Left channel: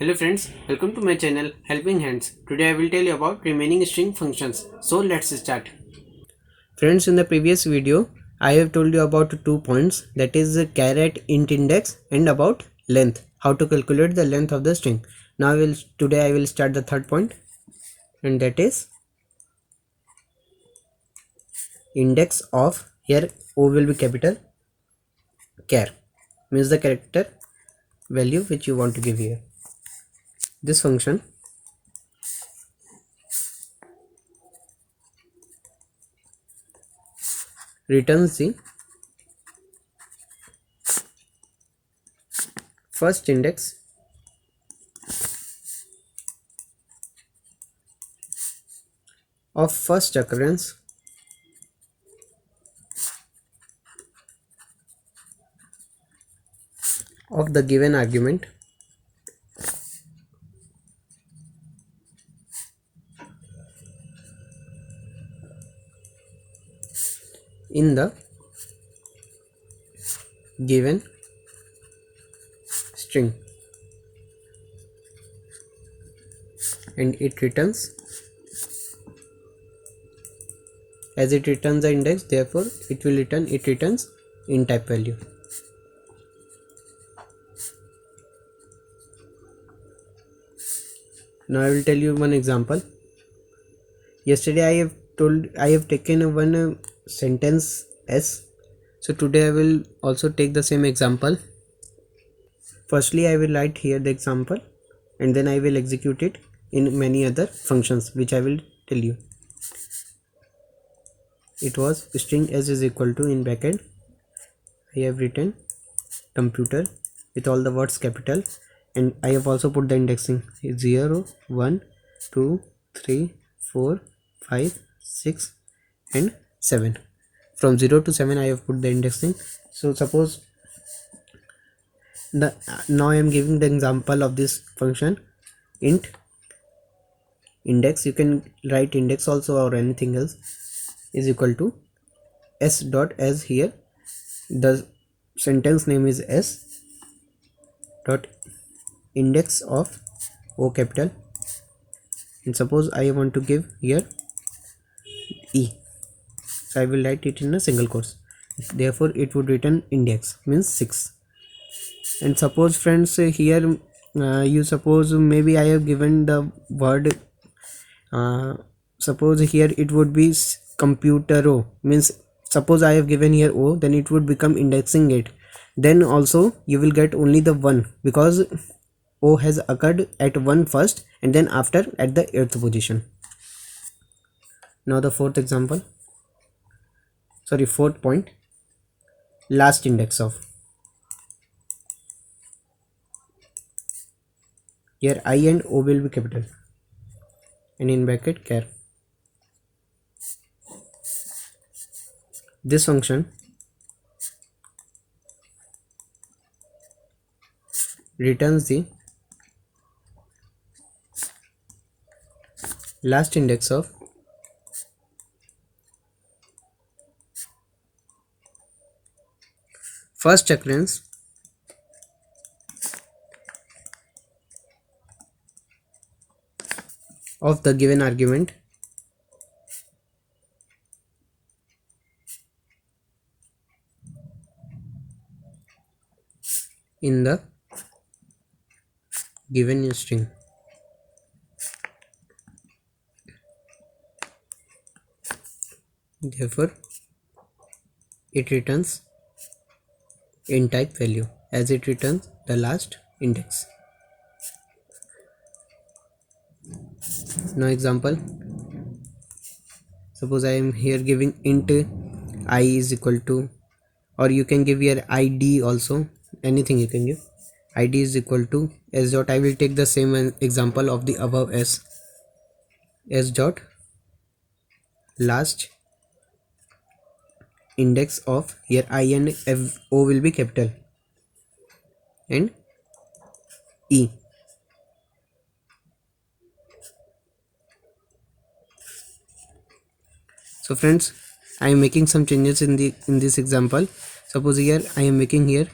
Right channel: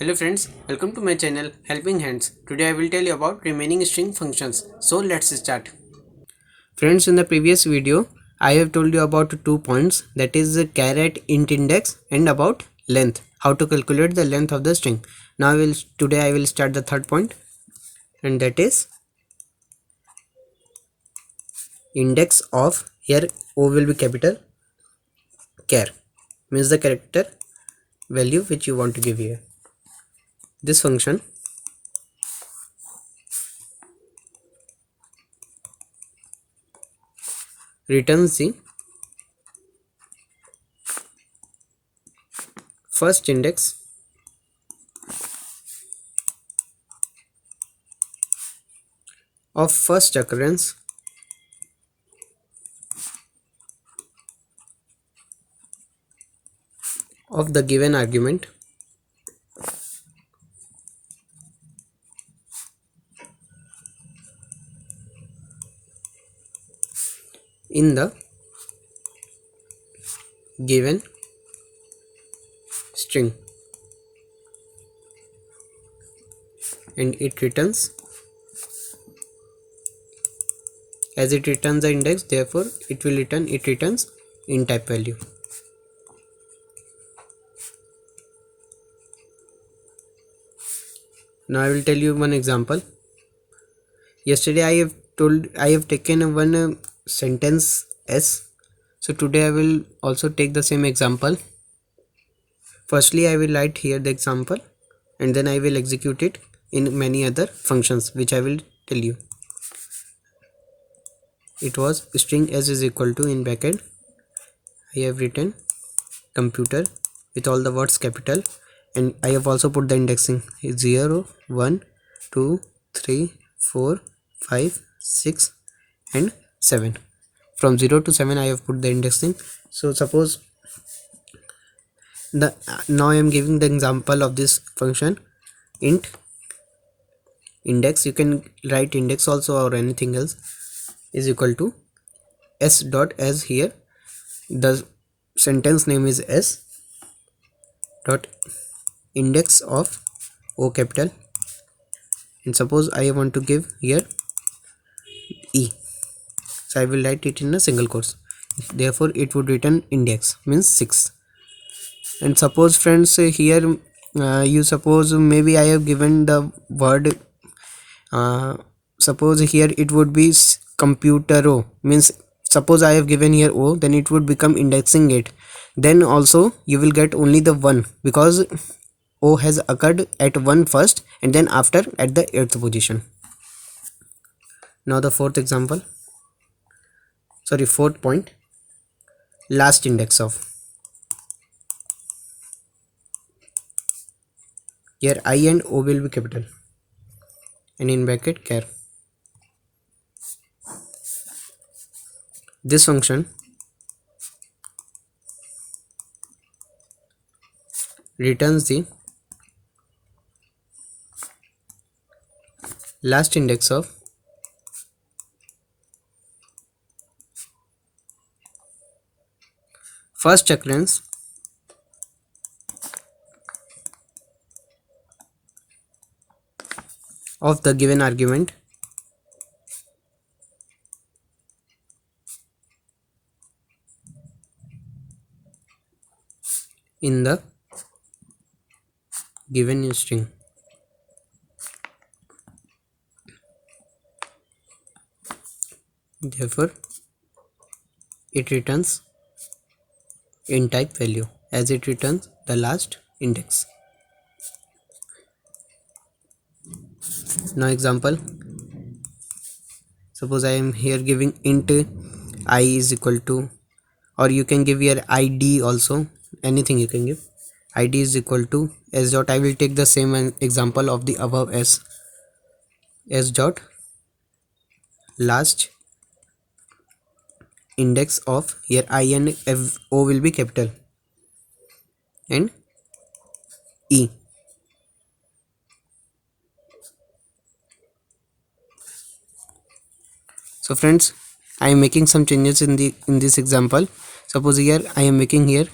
Hello friends, welcome to my channel Helping Hands. Today I will tell you about remaining string functions. So let's start. Friends, in the previous video I have told you about 2 points, that is char at int index and about length, how to calculate the length of the string. Now today I will start the third point, and that is index of, here O will be capital, char means the character value which you want to give here. This function returns the first index of first occurrence of the given argument in the given string, and it returns, as it returns the index, therefore it returns int type value. Now I will tell you one example. Yesterday I have taken one sentence S, so today I will also take the same example. Firstly I will write here the example, and then I will execute it in many other functions which I will tell you. It was string S is equal to, in bracket I have written computer with all the words capital, and I have also put the indexing 0 1 2 3 4 5 6 and 7. From 0 to 7 I have put the indexing. So suppose now I am giving the example of this function int index. You can write index also or anything else, is equal to s dot, as here the sentence name is s dot index of O capital, and suppose I want to give here E, so I will write it in a single quotes, therefore it would return index means 6. And suppose friends, here you suppose maybe I have given the word, suppose here it would be computer O, means suppose I have given here O, then it would become indexing it, then also you will get only the 1 because O has occurred at 1 first and then after at the 8th position. Now the fourth point, last index of, here I and O will be capital, and in bracket char. This function returns the last index of first occurrence of the given argument in the given string. Therefore it returns int type value, as it returns the last index. Now example, suppose I am here giving int I is equal to, or you can give here id also, anything you can give, id is equal to s dot, I will take the same example of the above s dot last index of, here I and O will be capital, and E. So friends, I am making some changes in this example. Suppose here I am making here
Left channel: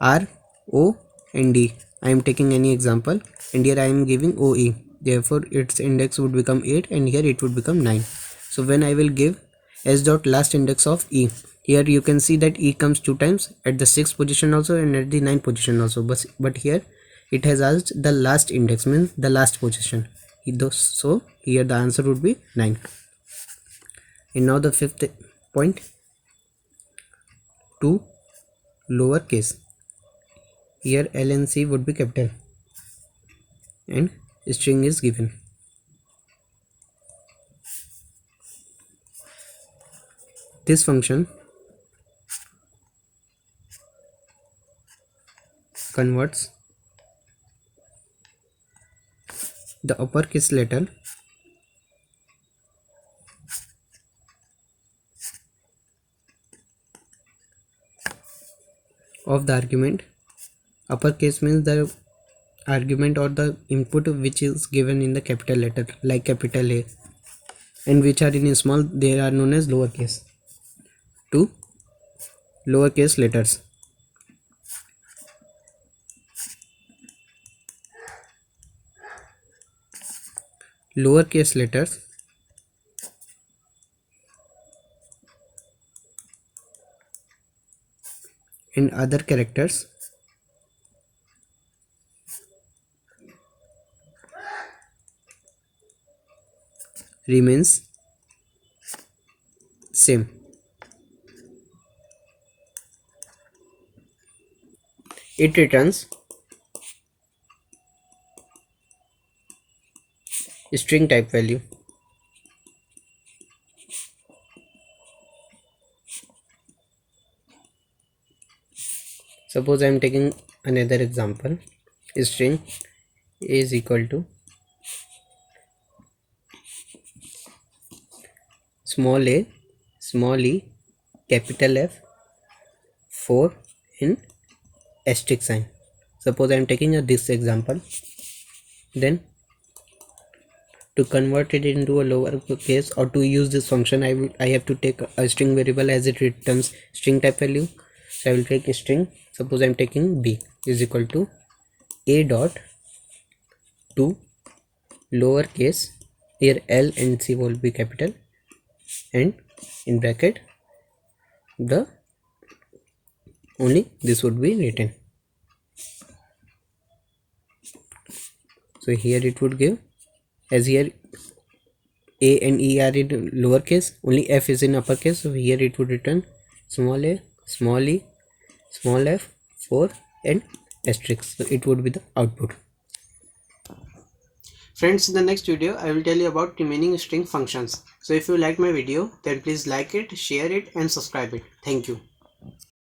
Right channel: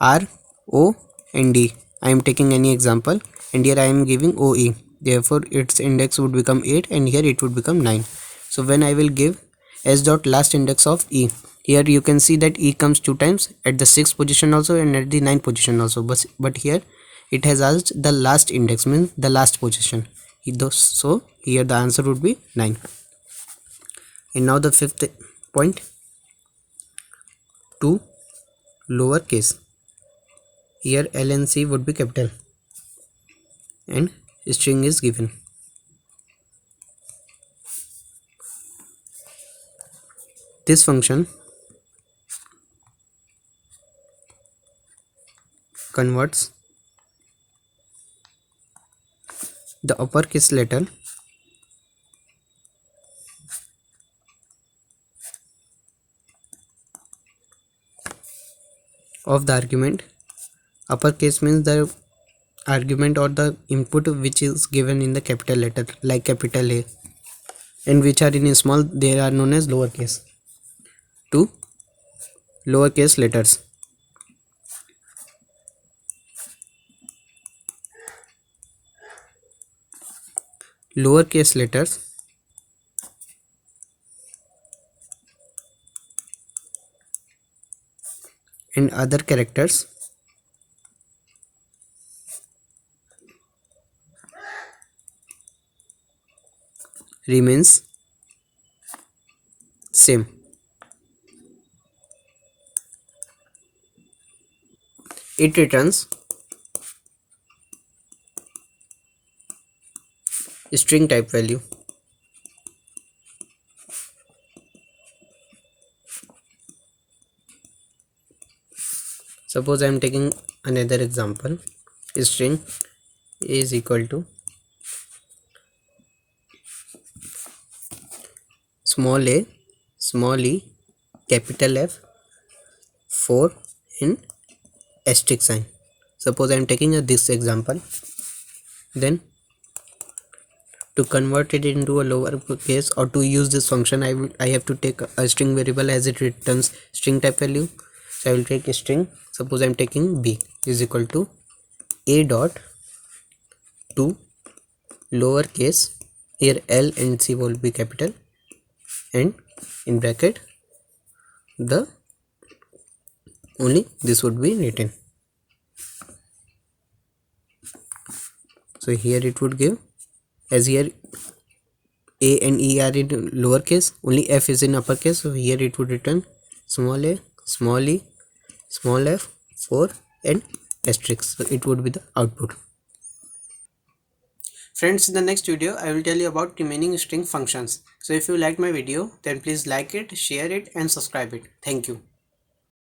R O and D, I am taking any example, and here I am giving OE, therefore its index would become 8 and here it would become 9. So when I will give s dot last index of E, here you can see that E comes 2 times, at the 6th position also and at the 9th position also, but here it has asked the last index, means the last position. So here the answer would be 9. And now the fifth point, to lowercase. Here L and C would be capital and string is given. This function converts the uppercase letter of the argument. Uppercase means the argument or the input which is given in the capital letter, like capital A, and which are in small, they are known as lowercase. To lowercase letters. Lowercase letters and other characters remains same. It returns string type value. Suppose I am taking another example. String is equal to small a, small e, capital F, 4 in asterisk sign. Suppose I am taking this example. Then to convert it into a lower case, or to use this function, I have to take a string variable as it returns string type value. So I will take a string. Suppose I am taking b is equal to a dot to lowercase, here L and C will be capital, and in bracket the only this would be written. So here it would give, as here A and E are in lowercase, only F is in uppercase, so here it would return small a, small e, small f, 4 and asterisk. So it would be the output. Friends, in the next video I will tell you about remaining string functions. So if you like my video, then please like it, share it and subscribe it. Thank you.